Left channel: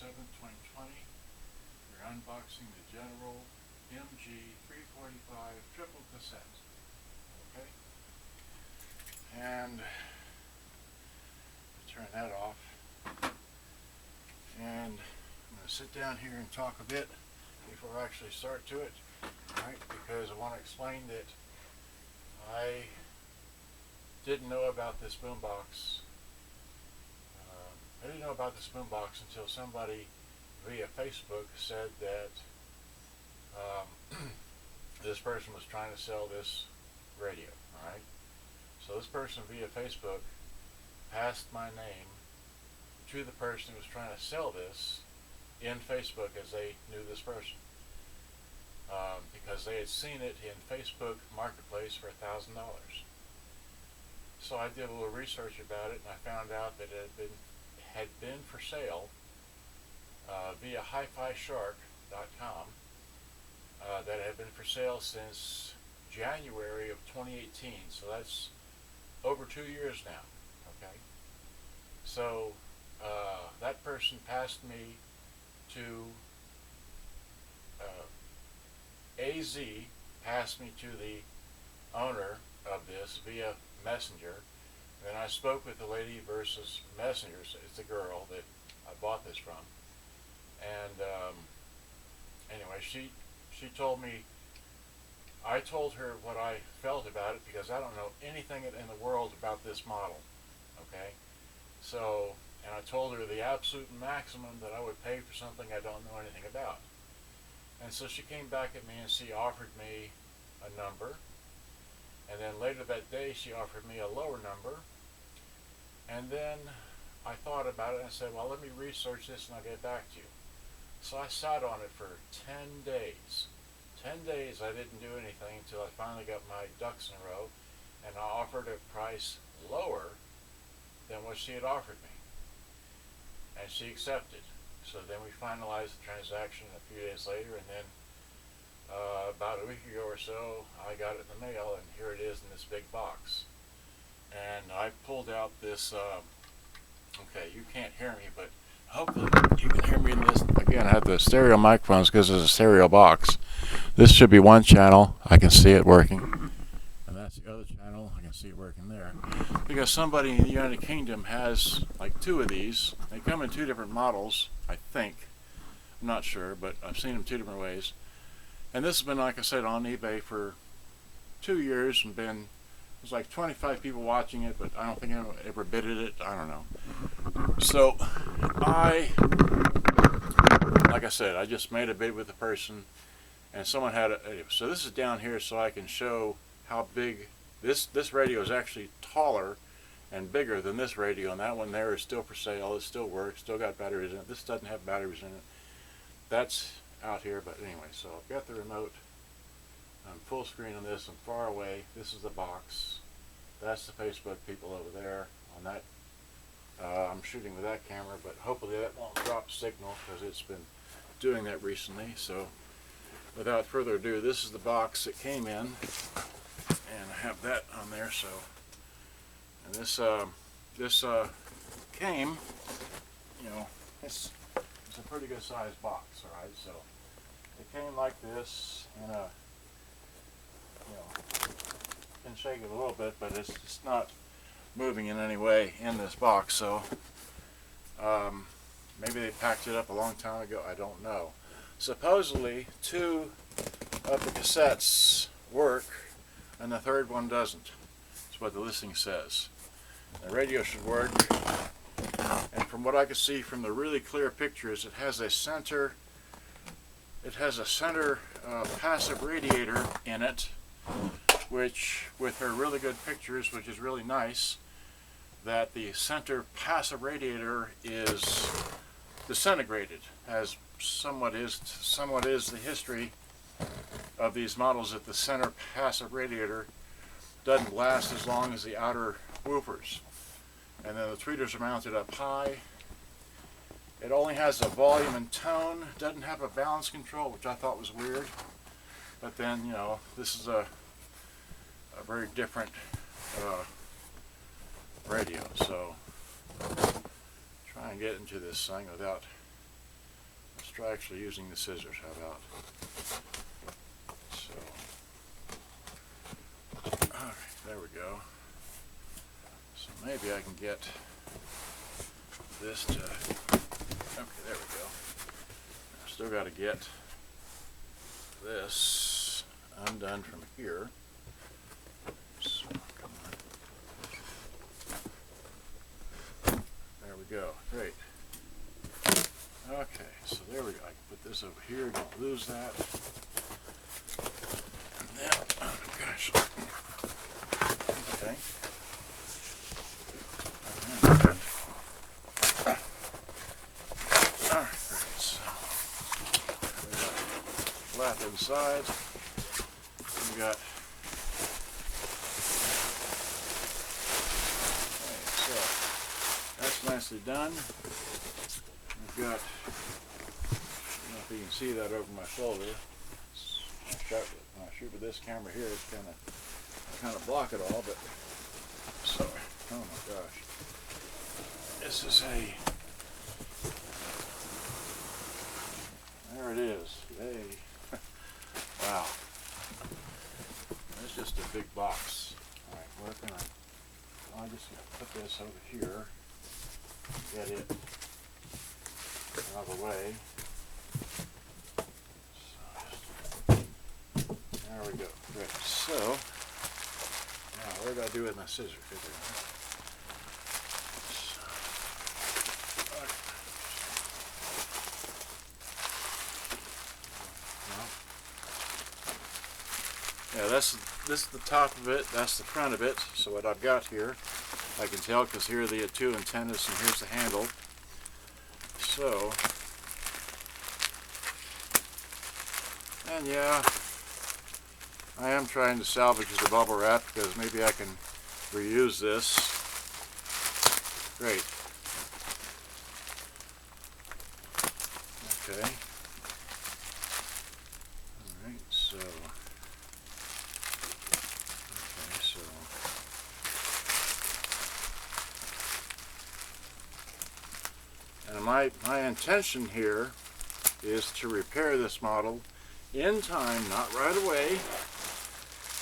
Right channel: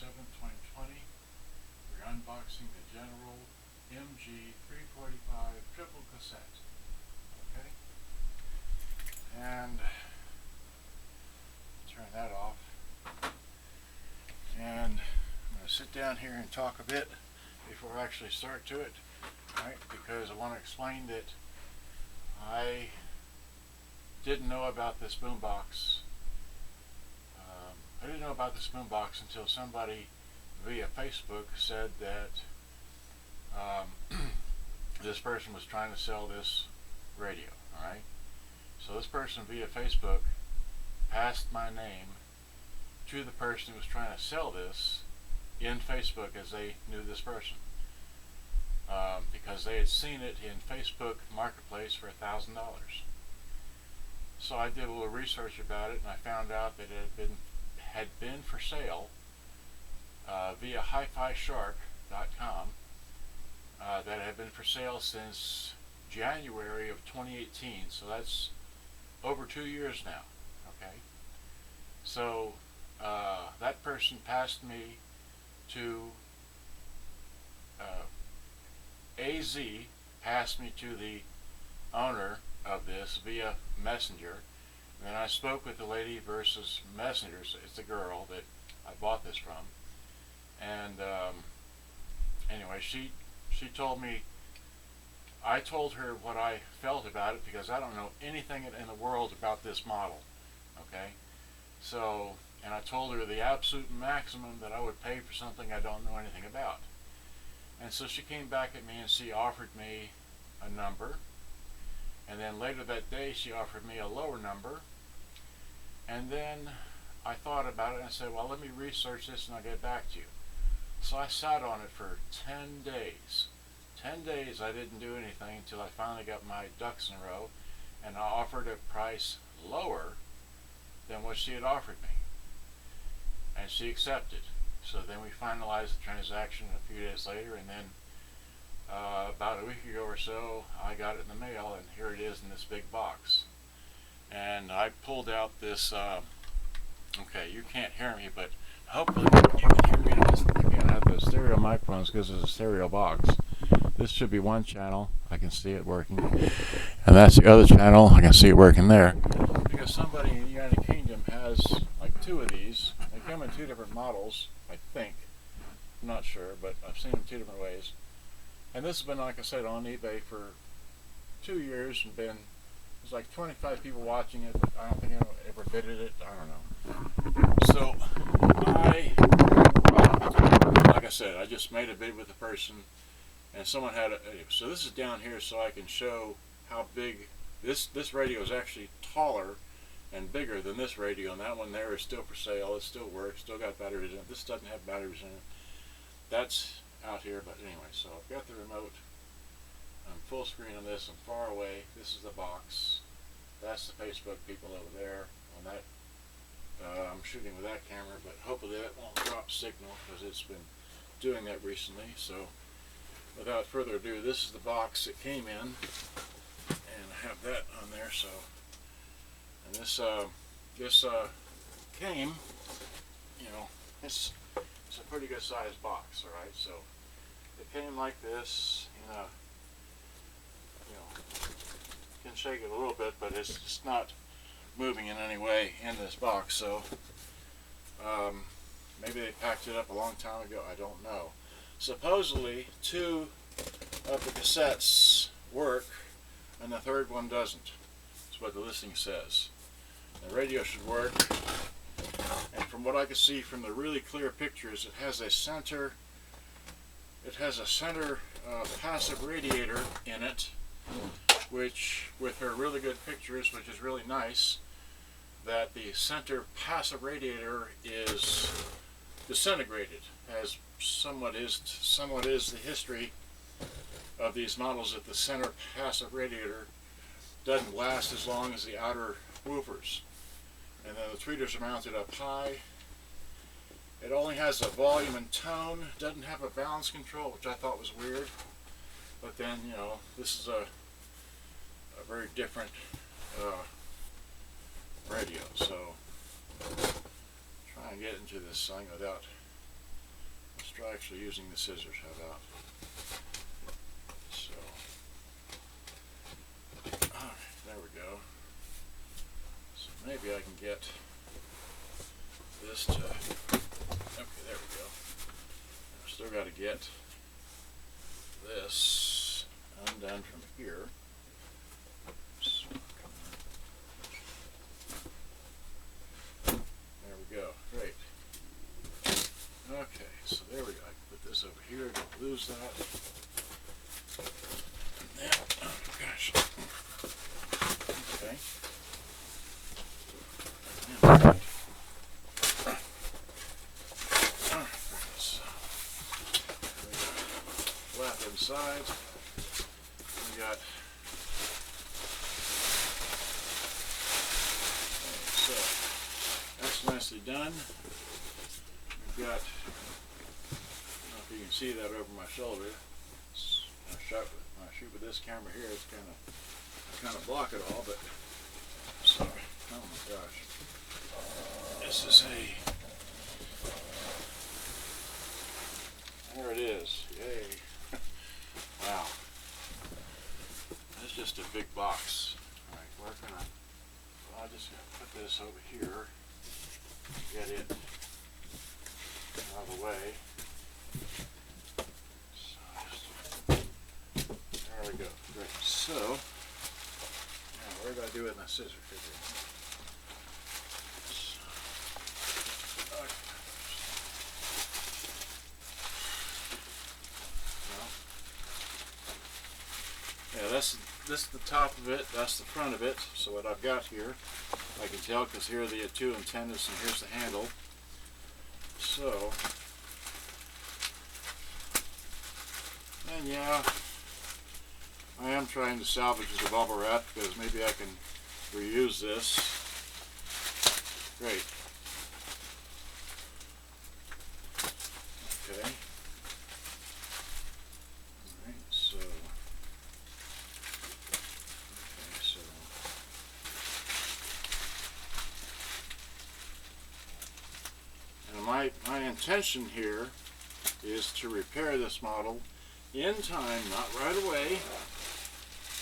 7th, 2020. We're unboxing the General MG 345 triple cassette. Okay? And turn that off. And I'm going to sit down here and talk a bit before I actually start to it, right? Because I want to explain that I didn't know about this boombox. I didn't know about this boombox until somebody via Facebook said that this person was trying to sell this radio. All right. So this person via Facebook passed my name to the person who was trying to sell this in Facebook, as they knew this person, because they had seen it in Facebook Marketplace for $1,000. So I did a little research about it, and I found out that it had been for sale via HiFiShark.com. That had been for sale since January of 2018. So that's over 2 years now. Okay. So that person passed me to AZ, passed me to the owner of this via Messenger. And then I spoke with the lady versus Messenger. It's the girl that I bought this from. And anyway, she told me, I told her what I felt about it, because I don't know anything in the world about this model. Okay? So, and I told her the absolute maximum that I would pay for something I don't know anything about. And so she came back at me and she offered me a number. And then later that day she offered me a lower number. And then I thought about it and I said, well, let me research this and I'll get back to you. So I sat on it for 10 days. 10 days I didn't do anything until I finally got my ducks in a row, and I offered a price lower than what she had offered me. And she accepted. So then we finalized the transaction a few days later, and then about a week ago or so, I got it in the mail, and here it is in this big box. And I pulled out this, okay, you can't hear me, but hopefully you can hear me. Again, I have the stereo microphones because it's a stereo box. This should be one channel. I can see it working. And that's the other channel. I can see it working there. Because somebody in the United Kingdom has like 2 of these. They come in 2 different models, I think. I'm not sure, but I've seen them 2 different ways. And this has been, like I said, on eBay for 2 years, and there's like 25 people watching it, but I don't think anyone ever bidded it. I don't know. So like I said, I just made a bid with the person, and someone had so this is down here so I can show how big this radio is. Actually taller and bigger than this radio, and that one there is still for sale. It still works, still got batteries in it. This doesn't have batteries in it. That's out here, but anyway, so I've got the remote. I'm full screen on this and far away. This is the box. That's the Facebook people over there on that. I'm shooting with that camera, but hopefully that won't drop signal, because it's been doing that recently. So without further ado, this is the box it came in, and I have that on there. So, and this came, you know, it's a pretty good sized box. All right, so it came like this in a, you know, can shake it a little bit, but it's just not moving in any way in this box. So maybe they packed it up a long time ago, I don't know. Supposedly 2 of the cassettes work and the 3rd one doesn't. That's what the listing says. The radio should work, and from what I can see from the really clear pictures, it has a center passive radiator in it, which, with her really good pictures, which is really nice, that the center passive radiator is disintegrated, as somewhat is the history of these models, that the center passive radiator doesn't last as long as the outer woofers. And then the tweeters are mounted up high. It only has a volume and tone, doesn't have a balance control, which I thought was weird. But then, you know, this is a very different radio. So try and get into this thing without try actually using the scissors. How about? So, alright, there we go. So maybe I can get this to, okay, there we go. I've still got to get this undone from here. So, come on. There we go, great. Okay, so there we go. I can put this over here, don't lose that. And then, oh gosh. Okay. Alright, so we got flap inside. We got, okay, so that's nicely done. We've got, I don't know if you can see that over my shoulder. When I shoot with this camera here, it's kind of block it all, but sorry. Oh my gosh. This is there it is. Yay. Wow. That's just a big box. Alright, where can I'll just put this over here. Get it out of the way. So there we go. Great. So now where did I do with my scissors? Yeah, this is the top of it, that's the front of it. So what I've got here, I can tell because here are the two antennas and here's the handle. So, and yeah, I am trying to salvage the bubble wrap because maybe I can reuse this. Great. Okay. Alright, so, okay, so, and my intention here is to repair this model in time, not right away,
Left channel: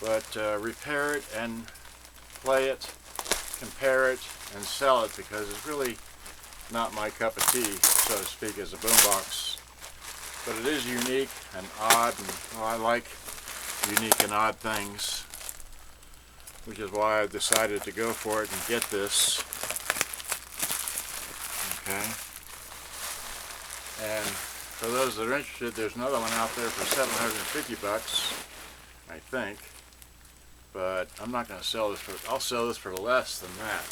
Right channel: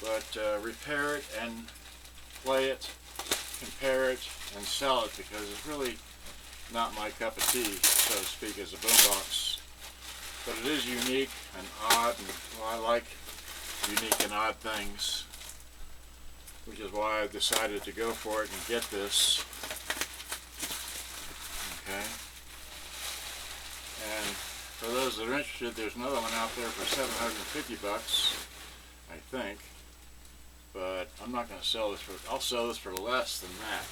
but repair it and play it, compare it, and sell it because it's really not my cup of tea, so to speak, as a boombox. But it is unique and odd, and well, I like unique and odd things, which is why I decided to go for it and get this. Okay. And for those that are interested, there's another one out there for $750, I think. But I'm not going to sell this for, I'll sell this for less than that.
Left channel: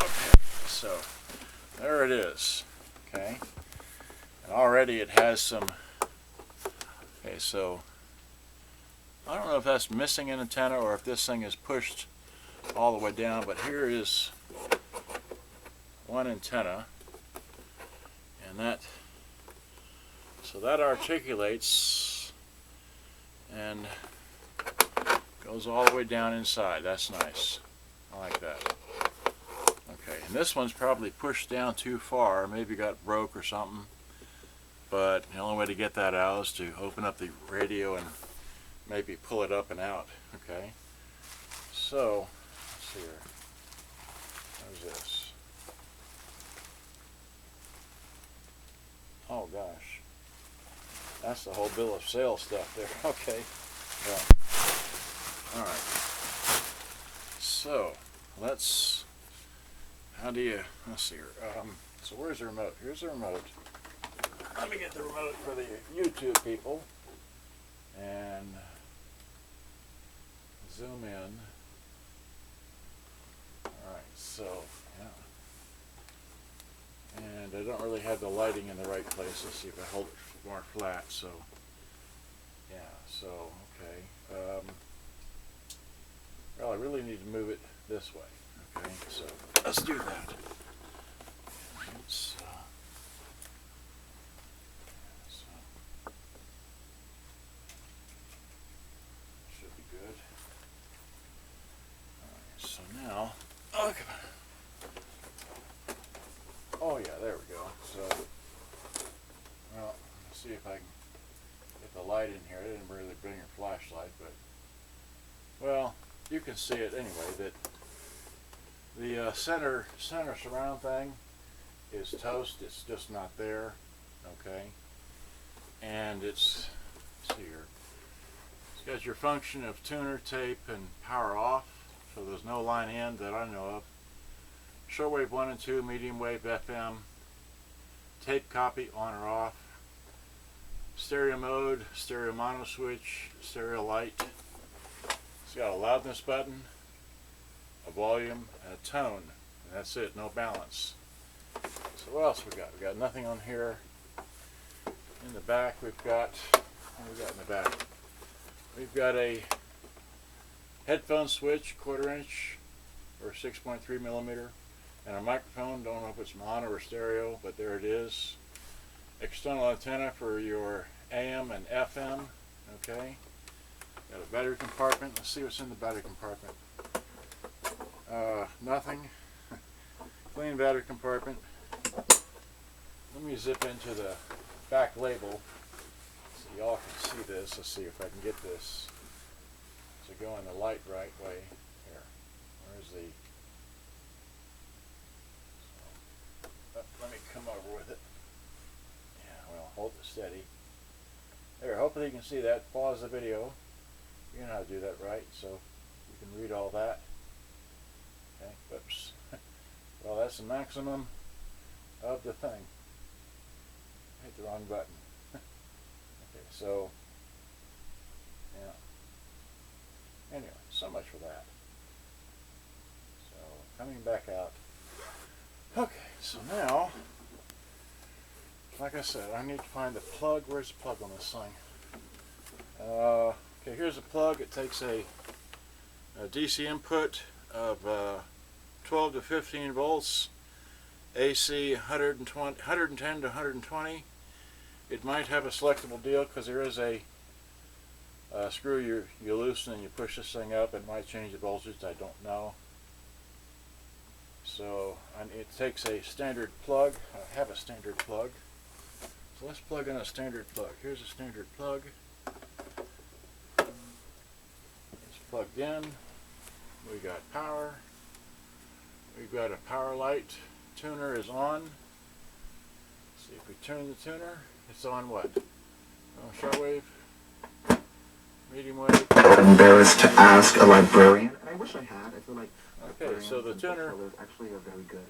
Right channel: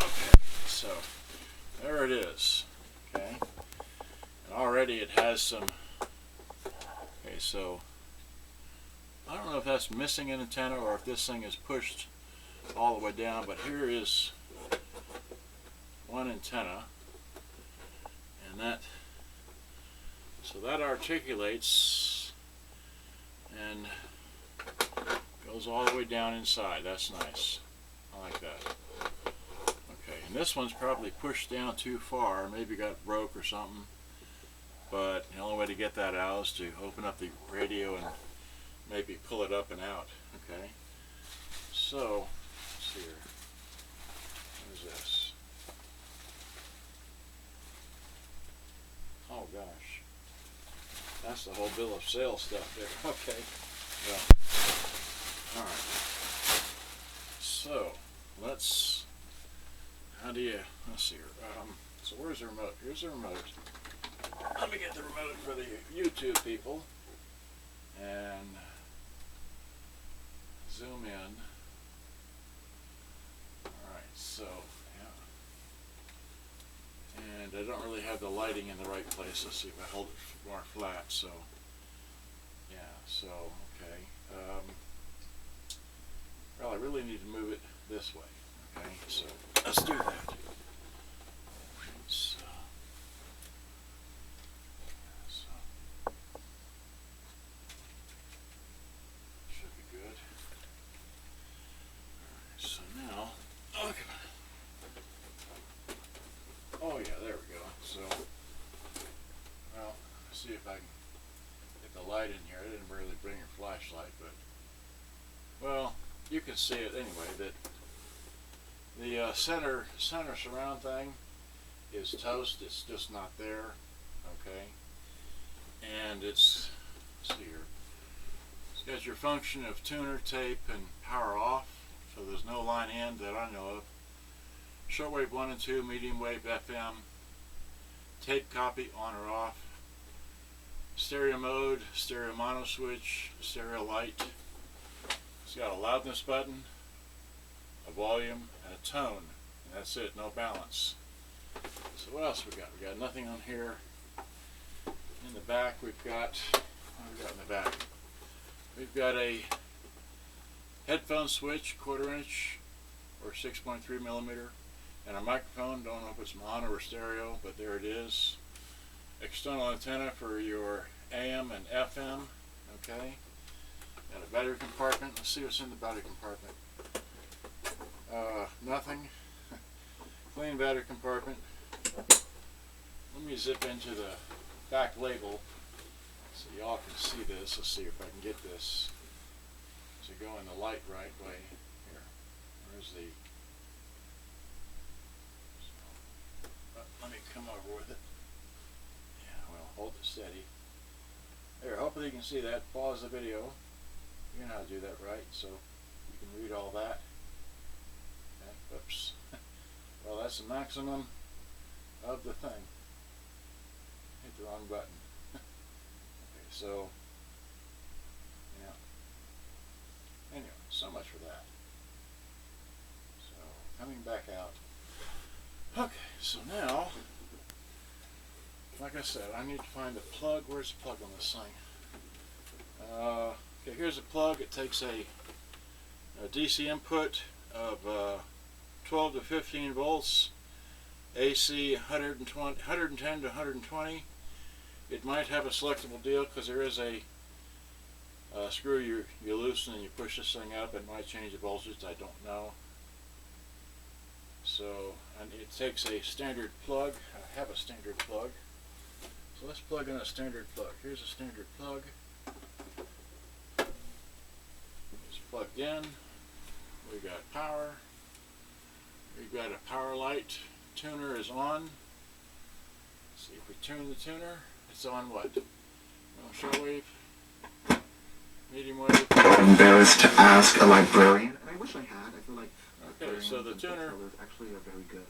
Okay, so there it is. Okay. And already it has some, okay, so I don't know if that's missing an antenna or if this thing is pushed all the way down, but here is one antenna, and that, so that articulates and goes all the way down inside. That's nice. I like that. Okay, and this one's probably pushed down too far, maybe got broke or something, but the only way to get that out is to open up the radio and maybe pull it up and out. Okay, so let's see here. What is this? Oh gosh, that's the whole bill of sale stuff there. Okay, well, all right. So let's. How do you? Let's see here. So where's the remote? Here's the remote. Let me get the remote for the YouTube people and zoom in. Alright, so, yeah. And I don't really have the lighting in the right place. Let's see if I hold it more flat. So, yeah, so, okay. Well, I really need to move it this way. Okay, so let's do that. Let's, should be good. Alright, so now, oh, come on. Oh yeah, there we go. So, can see it anyway, that the center surround thing is toast. It's just not there. Okay, and let's see here. It's got your function of tuner, tape, and power off. So there's no line in that I know of. Shortwave 1 and 2, medium wave FM, tape copy on or off, stereo mode, stereo mono switch, stereo light. It's got a loudness button, a volume, and a tone. And that's it, no balance. So what else we got? We got nothing on here. In the back we've got, what do we got in the back? We've got a headphone switch, 1/4 inch or 6.3 millimeter. And a microphone, don't know if it's mono or stereo, but there it is. External antenna for your AM and FM, okay. Got a battery compartment. Let's see what's in the battery compartment. Nothing. Clean battery compartment. Let me zip into the back label so y'all can see this. Let's see if I can get this to go in the light right way. Here, where's the... Let me come over with it. Yeah, well, hold it steady. There, hopefully you can see that. Pause the video. You know how to do that, right? So you can read all that. Okay, whoops. Well, that's the maximum of the thing. Hit the wrong button. Okay, so, yeah. Anyway, so much for that. So, coming back out. Okay, so now, like I said, I need to find the plug. Where's the plug on this thing? Okay, here's a plug. It takes a DC input of 12 to 15 volts, AC 110 to 120. It might have a selectable deal because there is a screw you loosen and you push this thing up. It might change the voltage. I don't know. So it takes a standard plug. I have a standard plug. So let's plug in a standard plug. Here's a standard plug. It's plugged in. We got power. We've got a power light. Tuner is on. Let's see if we turn the tuner. It's on what? Shortwave. Medium wave. Embarrassed to ask a librarian. I wish I had. I feel like. Okay, so the tuner actually are very good.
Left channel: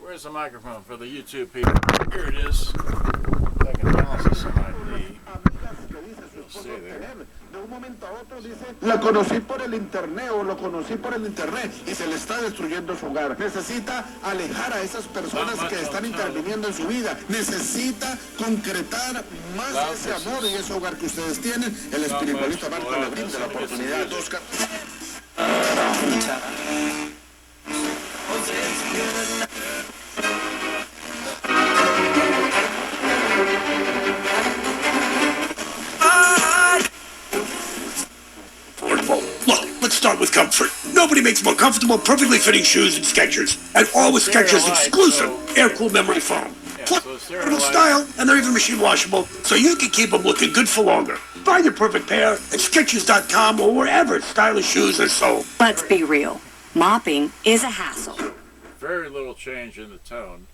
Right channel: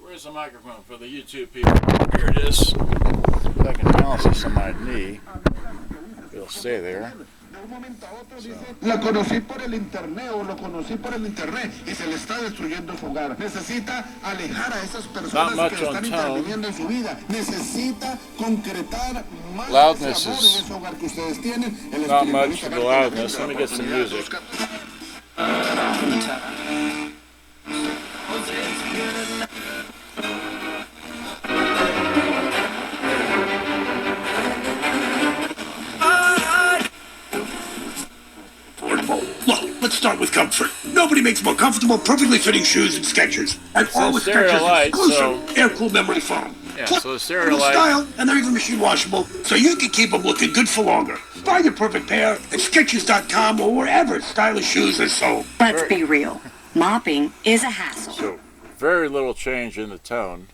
Where's the microphone for the YouTube people? Here it is. If I can balance this on my knee, it'll stay there. La conocí por el internet o lo conocí por el internet y se le está destruyendo su hogar. Necesita alejar a esas personas que están interviniendo en su vida. Necesita concretar más ese amor y ese hogar que ustedes tienen. El espiritualista va a tener la oportunidad de buscar. Let's start with comfort. Nobody makes more comfortable, perfectly fitting shoes than Skechers. And all with Skechers' exclusive air-cooled memory foam. Plus, they're style, and they're even machine washable, so you can keep them looking good for longer. Find your perfect pair at Skechers.com or wherever stylish shoes are sold. Let's be real. Mopping is a hassle. So, very little change in the tone.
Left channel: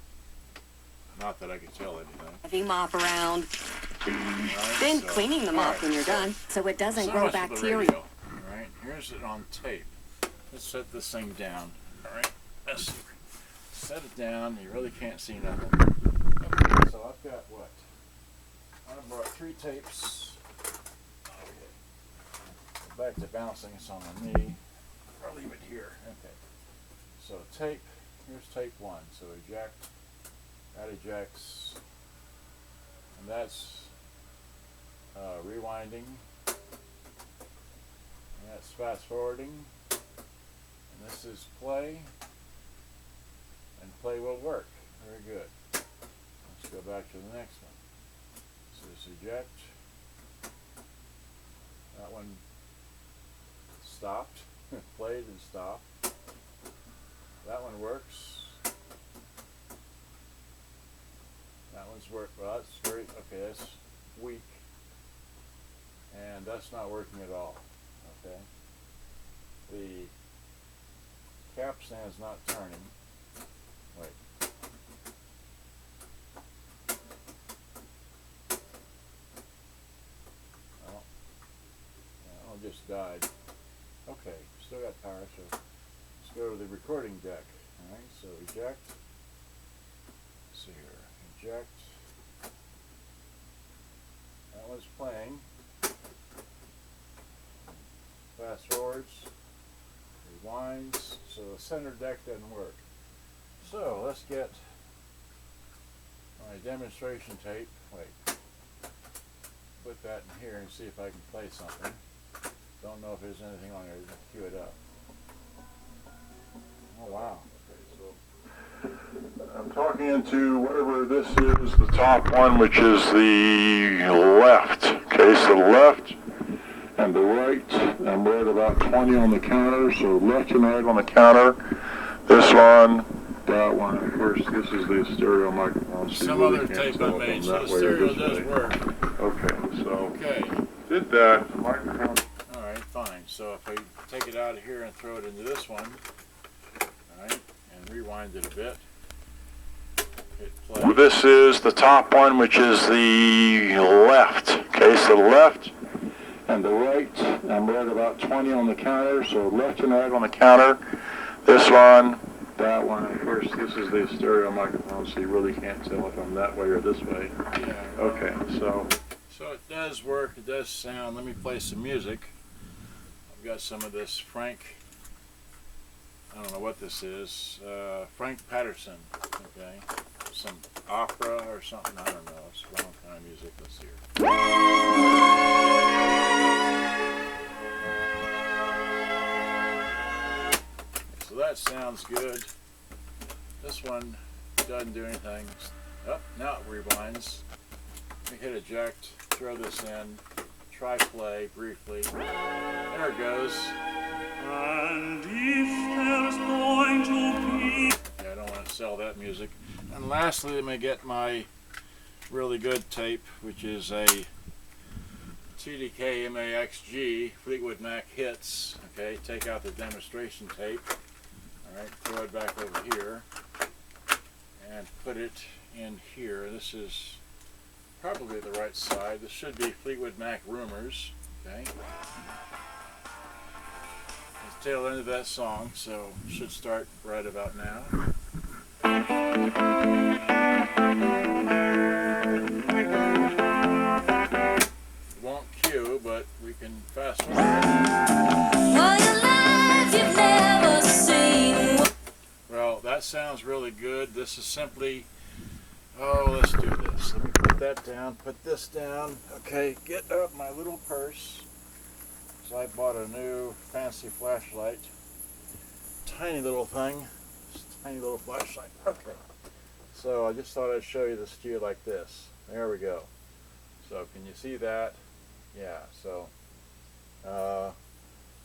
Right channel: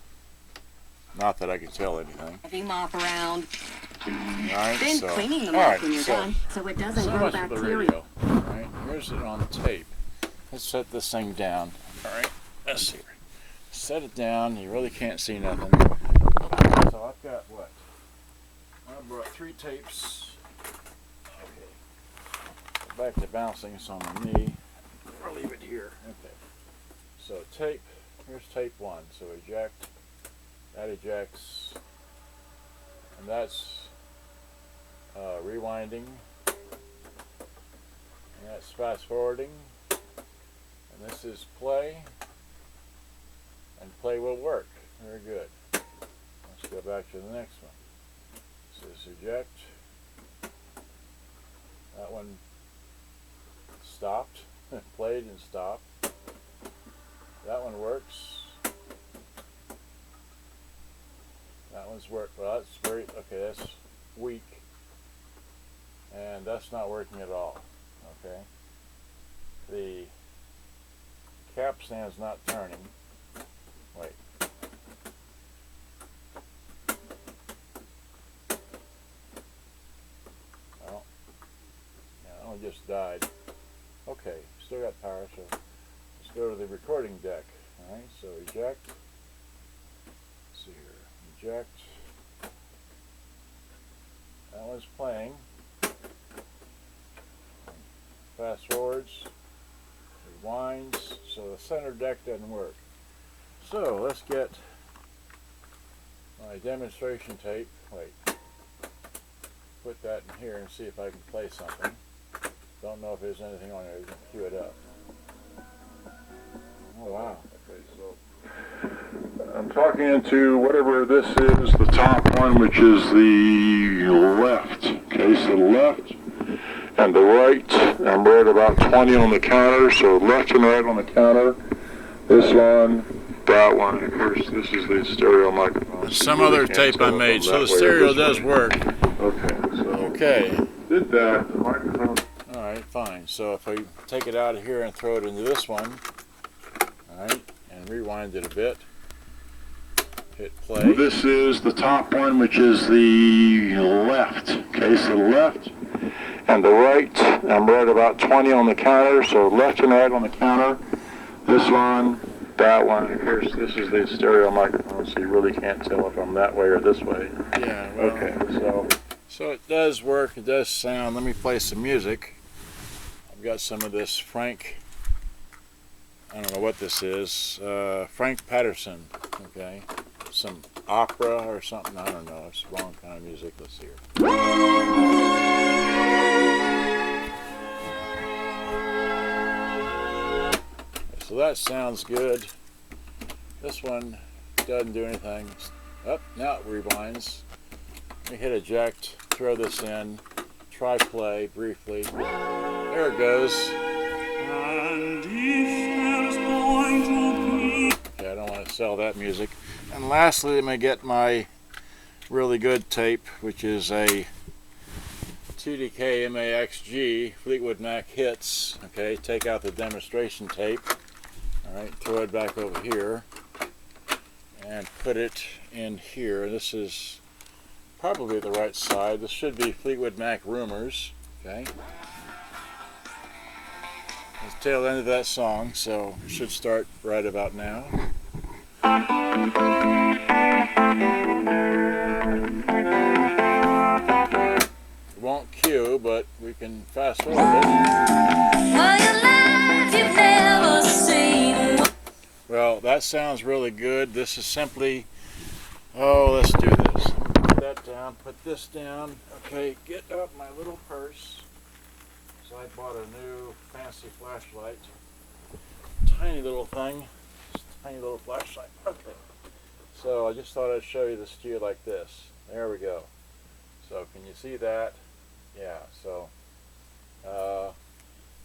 Not that I can tell anything. Heavy mop around. Right, Then so, cleaning them up right, when you're done, so it doesn't grow much for the bacteria. radio. All right, here's it on the tape. Let's set this thing down. All right, let's see. Set it down. You really can't see nothing. So I've got what? I brought 3 tapes. Okay. Go back to bouncing this on my knee. Or leave it here. Okay. So tape. Here's tape 1. So eject. That ejects. And that's rewinding, and that's fast forwarding, and this is play, and play will work. Very good. Let's go back to the next one. So this eject. That one stopped, played and stopped. That one works. That that one's worked. Well, that's very, okay, that's weak. And that's not working at all. Okay. The cap stand's not turning. Wait. Oh. That one just died. Okay, still got power, so let's go to the recording deck. Alright, so eject. Let's see here. Eject. That one's playing. Fast forwards. Rewinds. So the center deck doesn't work. So let's get my demonstration tape. Wait. Put that in here and see if I can play something. Don't know if there's anything on there. Just cue it up. Oh wow. Okay, so I'm talking into whatever this is, the top one, which is the left. Okay, so the left and the right. I'm right about 20 on the counter, so left and right on the counter. This one, that one. Of course, this is the stereo microphone. Some other tape I made, so the stereo does work. Okay, so Okay. did that. The microphone. All right, fine. So if I take it out of here and throw it into this one, all right, and rewind it a bit, hit play. Well, this is the top one, which is the left. Okay, so the left and the right. I'm right about 20 on the counter, so left and right on the counter. This one, that one. Of course, this is the stereo microphone, so you really can't tell if I'm that way or this way. Yeah. Well, Okay, so it does work. It does sound. Let me play some music. I've got some of this Frank. I don't know what this is. Frank Patterson. Okay. Some opera or something. I don't know. It's the wrong kind of music. Let's hear. So that sounds good. This one doesn't do anything. Oh, now it rewinds. Let me hit eject, throw this in, try play briefly. There it goes. Okay, I don't want to sell that music. And lastly, let me get my really good tape, which is a TDK MAXG Fleetwood Mac Hits. Okay, take out the demonstration tape. Alright, throw it back over here and put it in here. This is probably the right side. This should be Fleetwood Mac Rumors. Okay. It's the tail end of that song, so it should start right about now. It won't cue, but we can fast forward it. Well, that sounds really good. This is simply, oh, let's do this. Let me put that down, put this down. Okay, get up my little purse. So I bought a new fancy flashlight. Tiny little thing. Tiny little flashlight. Okay. So I just thought I'd show you the steer like this. There we go. So can you see that? Yeah, so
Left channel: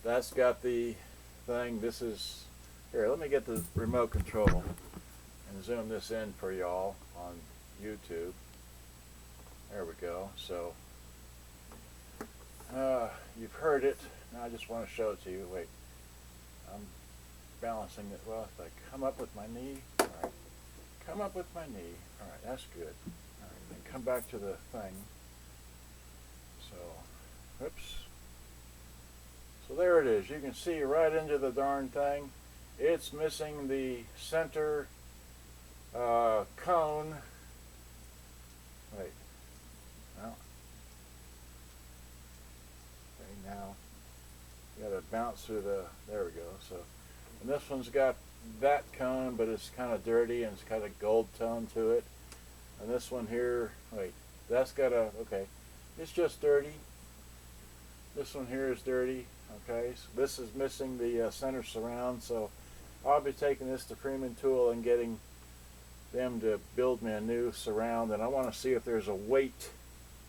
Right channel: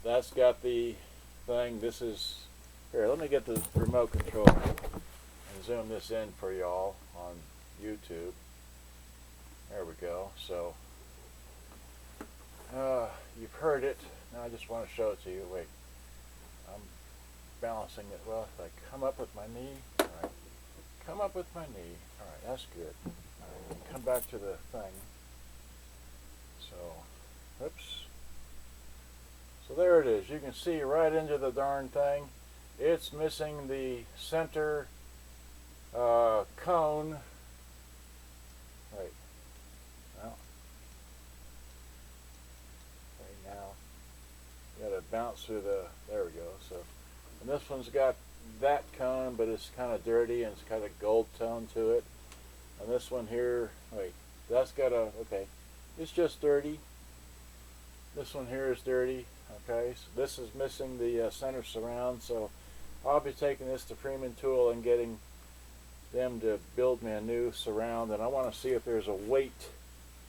that's got the thing. This is, here, let me get the remote control and zoom this in for y'all on YouTube. There we go. So you've heard it. Now I just want to show it to you. Wait, I'm balancing it. Well, if I come up with my knee, all right. Come up with my knee. All right, that's good. All right, and come back to the thing. So, oops. So there it is. You can see right into the darn thing. It's missing the center cone. Wait. Well. Okay, now you got to bounce through the. There we go. So, and this one's got that cone, but it's kind of dirty and it's got a gold tone to it. And this one here, wait, that's got a, okay, it's just dirty. This one here is dirty. Okay, so this is missing the center surround, so I'll be taking this to Freeman Tool and getting them to build me a new surround, and I want to see if there's a weight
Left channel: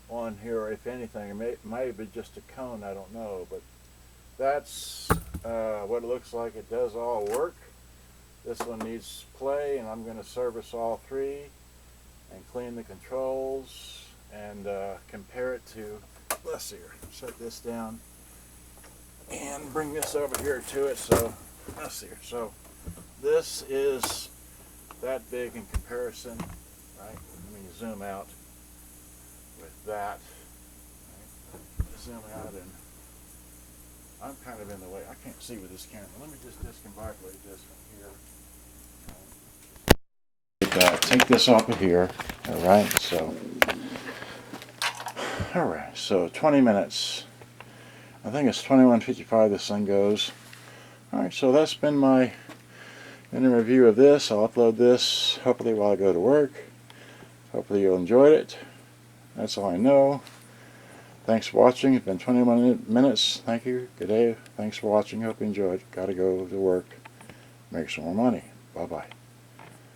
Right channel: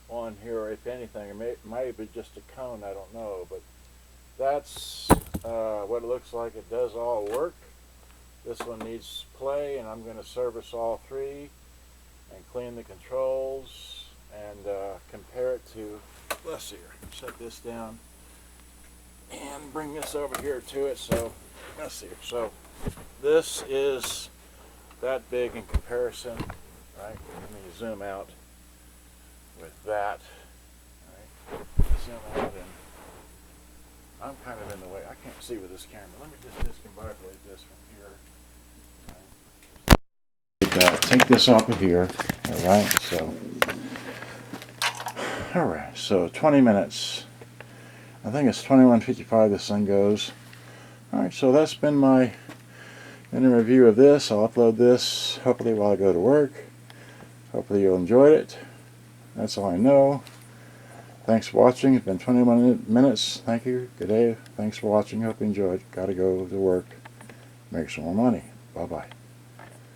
on here, or if anything. It might be just a cone, I don't know, but that's what it looks like. It does all work. This one needs play, and I'm going to service all three, and clean the controls and compare it to, let's see here, set this down and bring this over here to it. So let's see here. So this is that big in comparison, right? Let me zoom out with that. Right? Zoom out, and I'm kind of in the way. I can't see with this camera. Let me just discombobulate this from here. Take this off of here. All right. So 20 minutes. I think it's 21:55 this thing goes. All right. So that's been my review of this. I'll upload this hopefully while I go to work. Hopefully you'll enjoy it. That's all I know. Thanks for watching. It's been 21 minutes. Thank you. Good day. Thanks for watching. Hope you enjoyed. Gotta go to work. Make some more money. Bye-bye.